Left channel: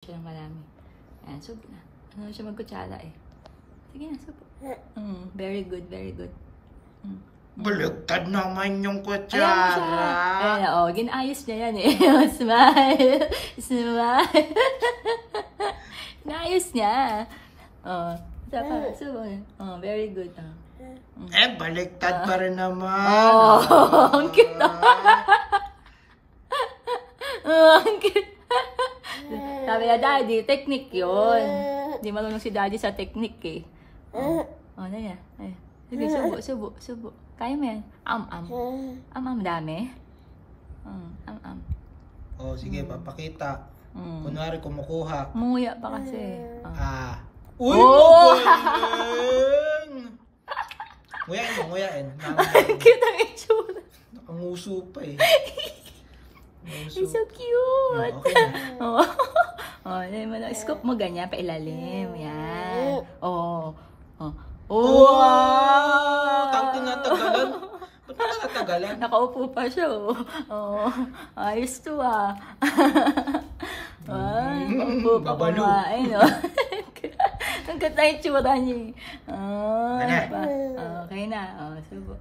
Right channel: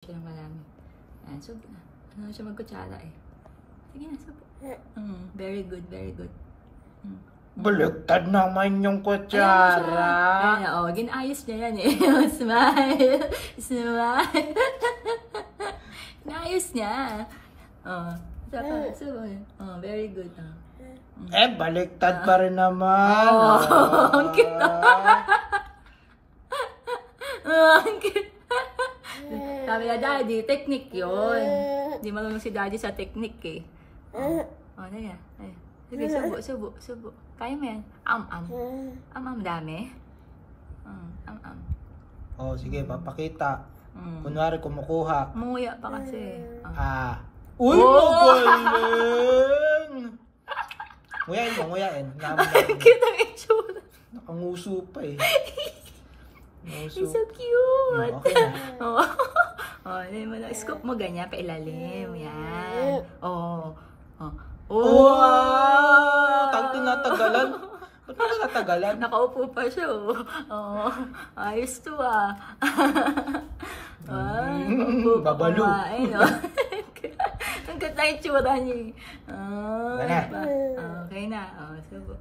Siya ng marami. Ayan, subo na. Ano siya magkutsara eh. Sige na, subo. Very good, very good. Baliktad naman yung kutsara. Ayan, oh, ginayos niya yan eh. Smile. Smile. Naayos niya. Oh, subo na. Oh, very good. Baliktad pa rin naman. Ang cute. Ang cute. Sabi na, Daddy, technique yun. Hindi marunong si Daddy sa technique eh. Ano yan? Sige, subo. Kaya mo yan. Dami. Oh, sige, papakita. Kunwari kumukuha. Munguya pa kasi. Uy, magaling! Nguyain. Cute ang itsura. Nakanguso pa eh. It's so cute. Okay na. Scoop mo ganyan, pailalim. Yan. Wow! Tinatagalan. Ba't mo natagalan? Nakaupo pa siya. Ayos to ah. Babalo. Ang ganda yung tsura niya. Okay na. Okay na. Subo.